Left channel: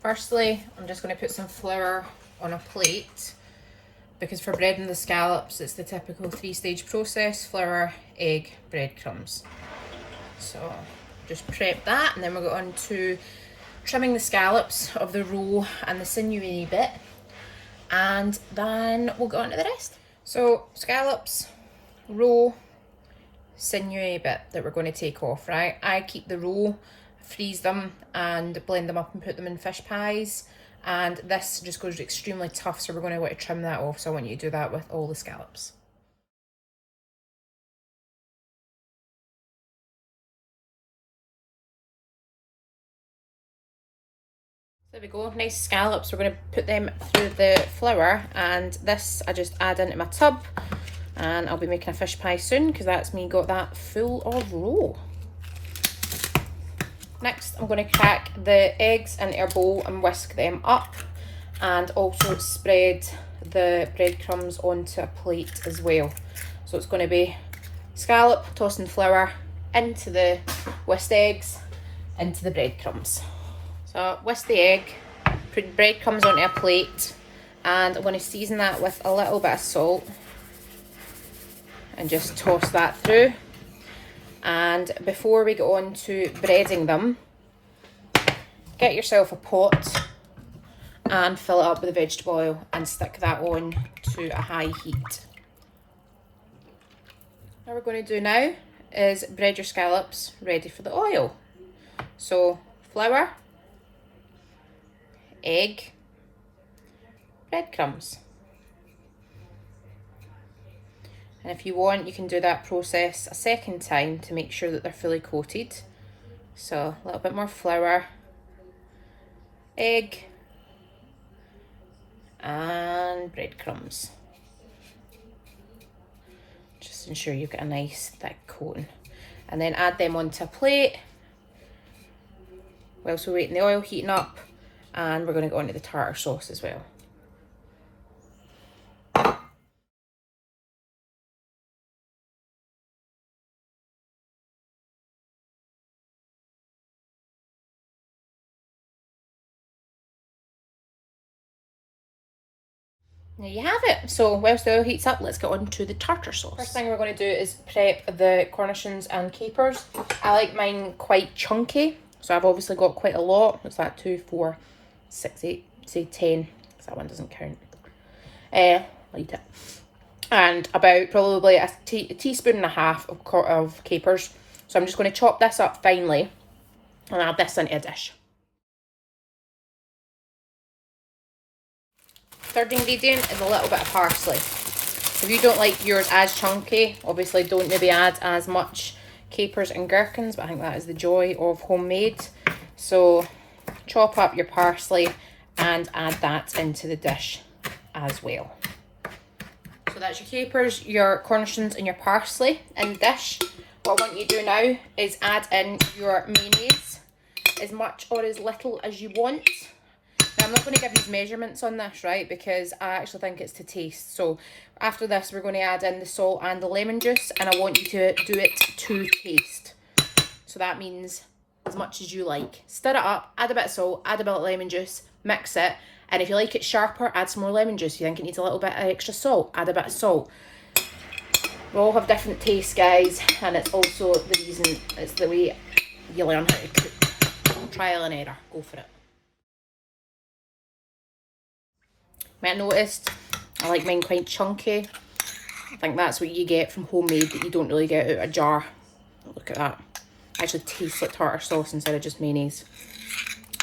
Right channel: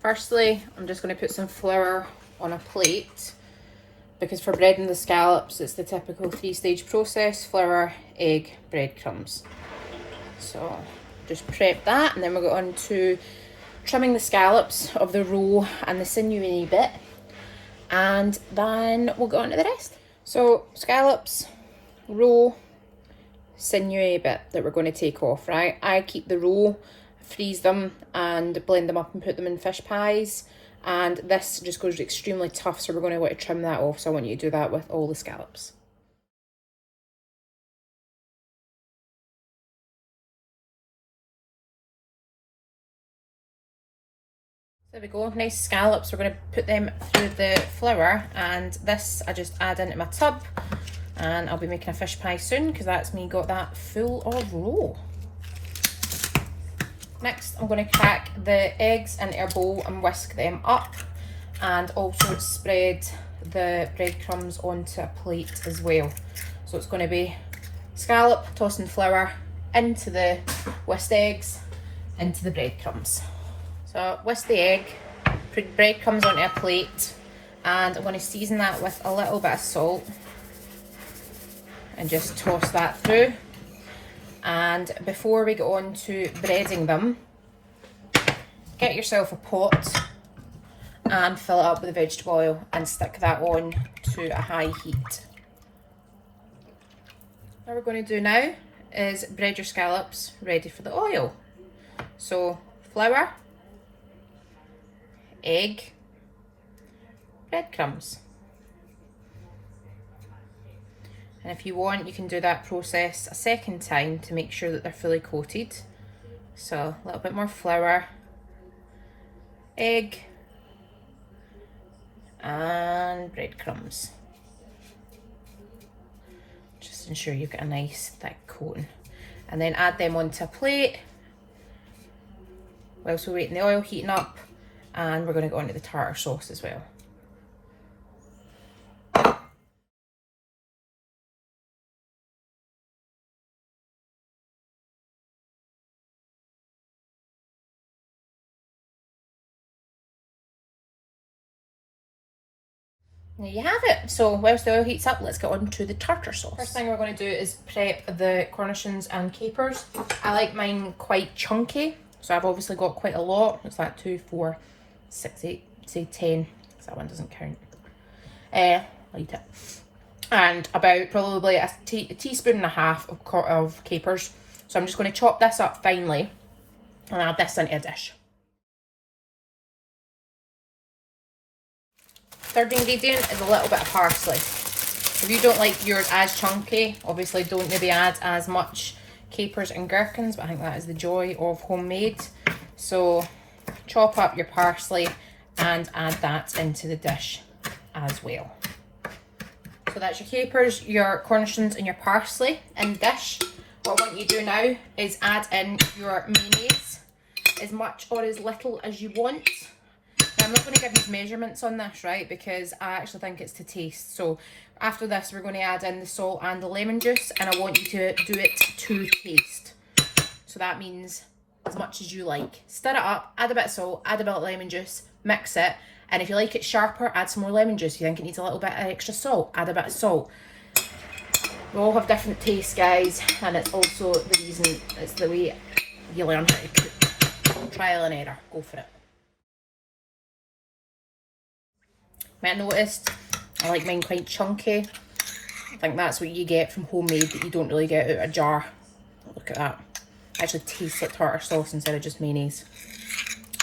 Firstly, I'm just going to put some flour on a plate, because for breading the scallops, it's the typical 3-stage process: flour, egg, breadcrumbs. So just prep that, and then we'll go on to trimming the scallops of the roe and the sinewy bit, and then we'll go on to the rest. So scallops, roe, sinewy bit that we're going to take off, right? I keep the roe, freeze them and blend them up and put them in fish pies, and this just goes extremely tough, so we're going to want to trim that off. So I want you to do that with all the scallops. There we go, nice scallops. We're going to put them through the flour, and this I just add into my tub, and I'll be making a fish pie soon because that's me got that full of roe. Next, I'm going to crack the eggs into a bowl and whisk them up, and also spread the breadcrumbs onto a plate as well. So it's going to be scallop, tossing flour into the whisked eggs, into the breadcrumbs. So whisk the egg, put breadcrumbs onto a plate, and I'm going to season that with a little bit of salt and just toss that through. And before we go on to breading them, get yourself a pot and fill it up with vegetable oil and stick that on to a high heat. What we're going to do now is bread your scallops ready for the oil. So flour, egg, breadcrumbs. And if you want, you can do that process a second time to make sure that they're fully coated. So a little bit more flour, egg, and breadcrumbs. Just ensure you've got a nice thick coating. And then add them onto a plate whilst we're waiting the oil heating up, and we're going to go into the tartar sauce as well. There you have it. So whilst the oil heats up, let's get on to the tartar sauce. First thing we're going to do is prep the cornichons and capers. I like mine quite chunky, so I've obviously got quite a lot. What's that? 2, 4, 6, 8, say 10, because that one doesn't count. I'll eat it. And about probably a teaspoon and a half of capers. So I'm just going to chop this up finely and add this into a dish. Third ingredient is a little bit of parsley. If you don't like yours as chunky, obviously don't maybe add as much capers and gherkins, but I think that is the joy of homemade. So chop up your parsley and add that into the dish as well. So that's your capers, your cornichons and your parsley in the dish. What I want you to do now is add in your mayonnaise, as much or as little as you want. Now, I'm not going to give you measurements on this, right, because I actually think it's to taste. So after this, we're going to add in the salt and the lemon juice, and I want you to do it to taste. So that means as much as you like. Stir it up, add a bit of salt, add a bit of lemon juice, mix it, and if you like it sharper, add some more lemon juice. If you think it needs a little bit of extra salt, add a bit of salt. We all have different tastes, guys, and it's also the reason, it's the way you learn how to cook. Trial and error, go for it. Might have noticed I like mine quite chunky. I think that's what you get from homemade that you don't really get out of a jar. Look at that. It actually tastes like tartar sauce instead of just mayonnaise.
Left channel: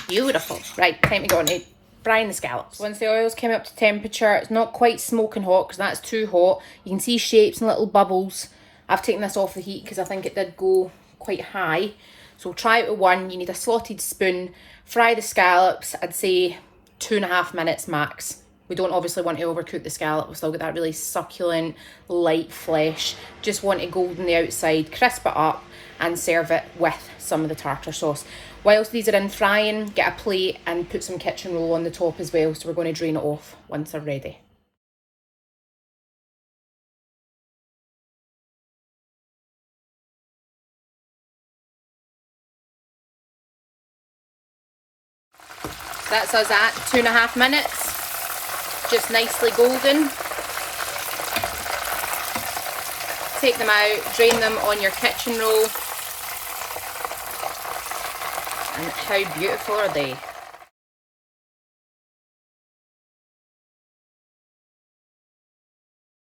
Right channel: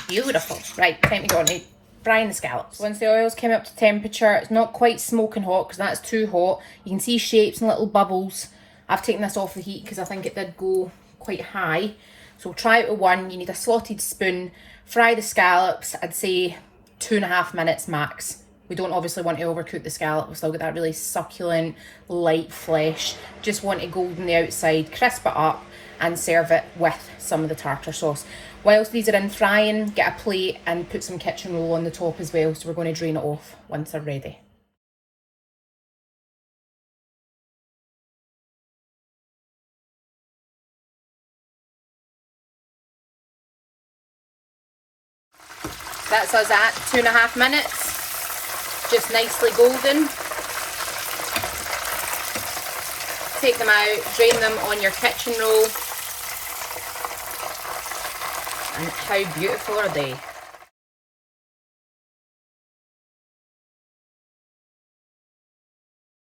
Beautiful. Right, time to go on to frying the scallops. Once the oil's come up to temperature, it's not quite smoking hot because that's too hot. You can see shapes and little bubbles. I've taken this off the heat because I think it did go quite high. So try it with one. You need a slotted spoon. Fry the scallops, I'd say 2.5 minutes max. We don't obviously want to overcook the scallop. We've still got that really succulent, light flesh. Just want it golden the outside, crisp it up, and serve it with some of the tartar sauce. Whilst these are in frying, get a plate and put some kitchen roll on the top as well. So we're going to drain it off once they're ready. That's us at 2.5 minutes. Just nicely golden. Take them out, drain them on your kitchen roll. And how beautiful are they?